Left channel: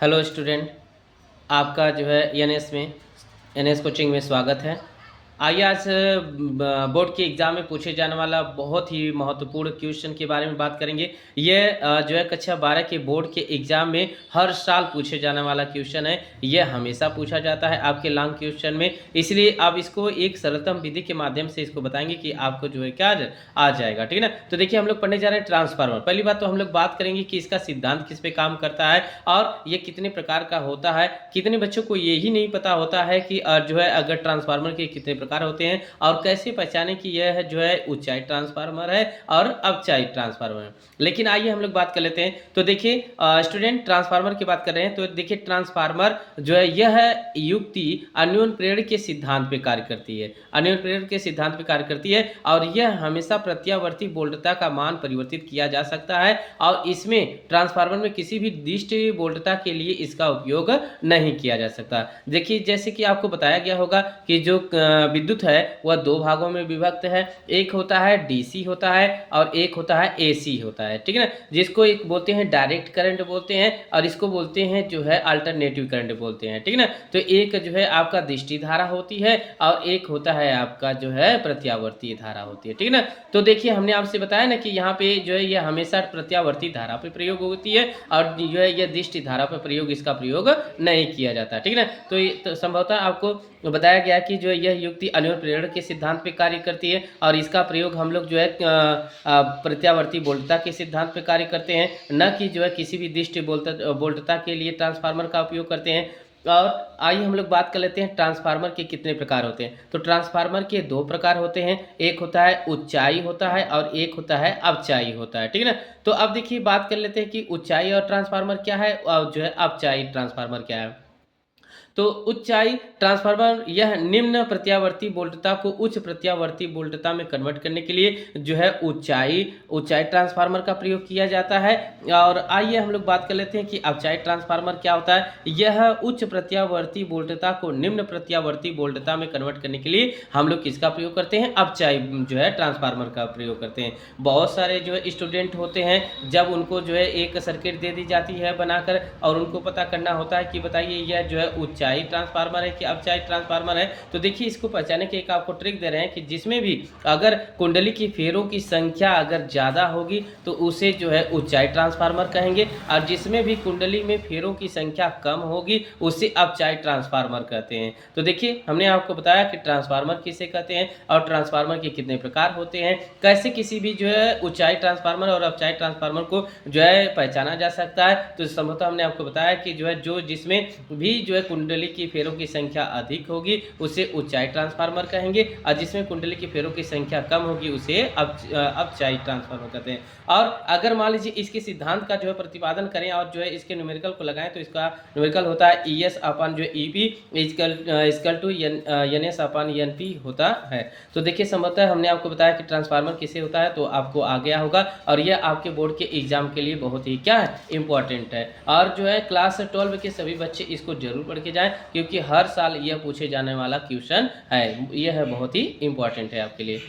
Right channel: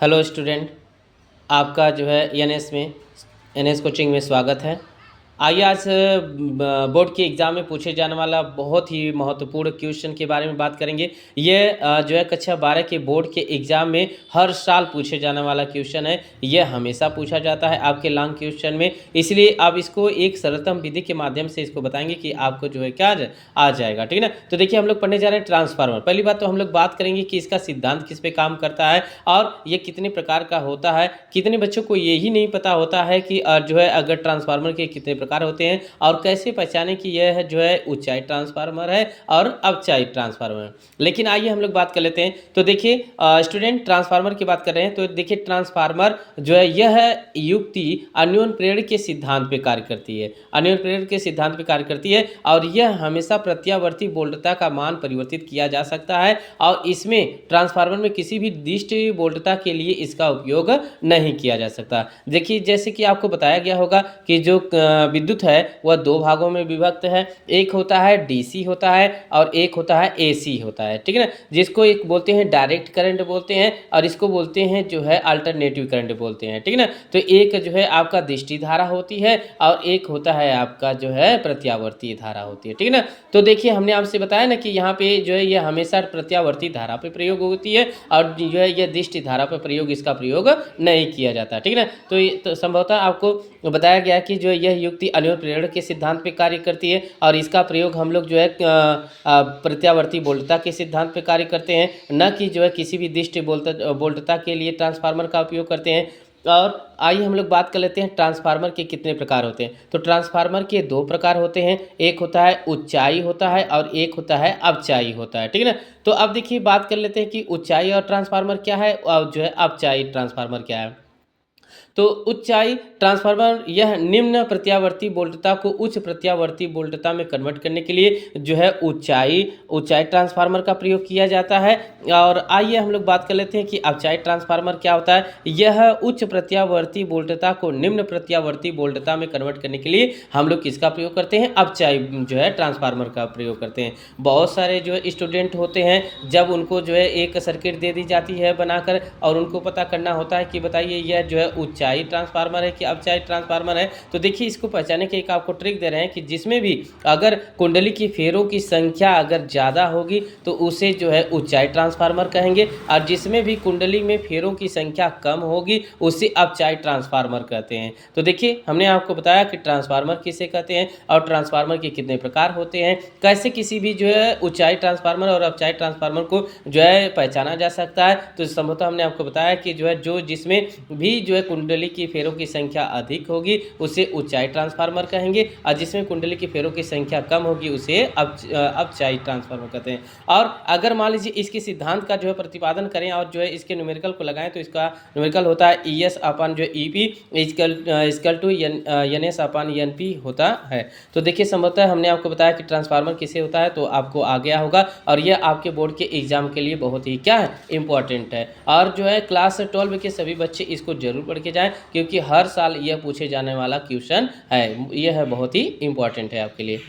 Hello student, आपका जो है एनएस कोचिंग में स्वागत है। आइए आज बोर्ड के एग्ज़ाम में पूछे जाने वाला बहुत ही महत्वपूर्ण क्वेश्चन के बारे में बात करेंगे। ये जो है कक्षा 12 के बोर्ड के एग्ज़ाम में हर साल पूछे जाने वाला क्वेश्चन है। ये हमेशा पूछा जाता है आपके लॉन्ग क्वेश्चन में, इसलिए आप इसको एक सरलतम विधि के माध्यम से इसको बताएंगे कि आपको जो है क्या आ जाएगा। ठीक है ना। तो देखिए, हम लोग पढ़ने जा रहे हैं ट्रांसफार्मर। पहली बात तो हम लोग बात करेंगे कि इसका सिद्धांत किस पे काम करता है और ये कितने प्रकार का होता है। कितने बच्चों को यही नहीं पता होता है कि जो है अगर ट्रांसफार्मर के कितने प्रकार होते हैं और कैसे पहचाने कि यह जो है ऊंचाई ट्रांसफार्मर है और अवचाई ट्रांसफार्मर है। लेकिन आइए हम लोग बात कर लेते हैं। तो देखिए स्टूडेंट, ट्रांसफार्मर की बात कर रहे हैं तो देखिए ट्रांसफार्मर जो है यह युक्ति अन्योन्य प्रेरण के सिद्धांत पे कार्य करती है। अन्योन्य प्रेरण के सिद्धांत पे कार्य करती है और यह हमेशा प्रत्यावर्ती वोल्टता का मान परिवर्तित किया जा सकता है और इसमें ट्रांसफार्मर में किसी भी निर्दिष्ट वोल्टता के लिए इसका उपयोग नहीं किया जा सकता। देखिए, जैसे कि आपको बताया गया होगा कि जो विद्युत है वह दो भागों में विभक्त है। एक होता है डीसी होता है और एक होता है एसी होता है। ठीक है ना। जिसको एक बोलते हैं डायरेक्ट करंट बोलते हैं और इसको बोलते हैं जो है अल्टरनेटिव करंट बोलते हैं। ठीक है ना। तो एक जो है आपका दृष्टि धारा होती है और एक होता है आपका जो है प्रत्यावर्ती धारा होती है। ठीक है ना। तो देखिए, हमने आपसे बताया ना कि यहाँ पे जो है ये हमेशा प्रत्यावर्ती धारा पे प्रयोग होती है और जो है ये दृष्टि धारा पे प्रयोग इसका प्रयोग नहीं किया जाता। ठीक है ना। तो संभवतः आपको बताया गया कि जो यह युक्ति अन्योन्य प्रेरण के सिद्धांत पे कार्य करती है और इसका प्रयोग हम लोग जो है प्रत्यावर्ती वोल्टता के सिद्धांत पे कार्य करते हैं, न कि जो है किसी भी निर्दिष्ट वोल्टता के लिए ट्रांसफार्मर का उपयोग करते हैं। और आइए हम लोग बात कर लेते हैं ट्रांसफार्मर के कितने प्रकार होते हैं। तो ट्रांसफार्मर के दो प्रकार होते हैं, एक होता है ऊंचाई होता है और एक होता है अवचाई होता है। ठीक है ना। तो अब देखिए, बात कर लेते हैं कि ऊंचाई और ट्रांसफार्मर क्या है और जो है अवचाई ट्रांसफार्मर क्या है। तो ऊंचाई ट्रांसफार्मर यह निम्न प्रत्यावर्ती वोल्टता को उच्च प्रत्यावर्ती वोल्टता में कन्वर्ट करने के लिए जो है ऊंचाई ट्रांसफार्मर का प्रयोग किया जाता है। और आइए हम लोग बात कर लेते हैं कि अवचाई ट्रांसफार्मर क्या होता है। यह उच्च प्रत्यावर्ती वोल्टता को निम्न प्रत्यावर्ती वोल्टता में कन्वर्ट करने के लिए हम लोग किसका प्रयोग करते हैं, अवचाई जो है ट्रांसफार्मर का प्रयोग करते हैं। बहुत सारे जो है स्टूडेंट होते हैं, जब उनको जो है एक सर्किट दे दी जाती है बनाकर और उनको पता करना होता है कि बताइए यह जो है ऊंचाई ट्रांसफार्मर है कि अवचाई ट्रांसफार्मर है। तो देखिए, इसको पहचानने के एक आपको ट्रिक दे रहे हैं कि जिसमें भी अगर कुंडली की फेरों की संख्या अगर ज़्यादा होगी तो उसे जो है ऊंचाई ट्रांसफार्मर कहेंगे और जिसमें भी कुंडली में फेरों की संख्या कम होगी उसे अवचाई ट्रांसफार्मर कहते हैं। तो देखिए, हमने आपको बताया कि ट्रांसफार्मर किसे कहते हैं और ट्रांसफार्मर के कितने प्रकार होते हैं, कैसे किसी भी जो है ऊंचाई ट्रांसफार्मर और अवचाई ट्रांसफार्मर को जो है पहचाना जा सकता है। तो संभवतः हमने आपको बताया कि जो है जिसमें भी जो है कुंडली की फेरों की संख्या अधिक होगी उसे ऊंचाई ट्रांसफार्मर कहेंगे और जिसमें कुंडली की फेरों की संख्या कम होगी उसे अवचाई ट्रांसफार्मर कहते हैं। और अगर मान लीजिए इसके सिद्धांत का जो है प्रतिपादन करें और जो है इसके न्यूमेरिकल को लगाएं तो इसका न्यूमेरिकल होता है ES अपन जो EP is equal to NS upon NP होता है। तो देखिए, संभवतः हमने आपको बताया कि ट्रांसफार्मर किसे होता है तो आपको आ गया होगा और यह आपके बोर्ड के एग्जाम के लिए बहुत ही क्या है, इंपॉर्टेंट है। और जो है क्लास 12 के सभी बच्चे इसको जरूर पढ़ के जाएं क्योंकि हर साल यह पूछे जाने वाला क्वेश्चन है। यह बहुत ही इंपॉर्टेंट है आपके लिए।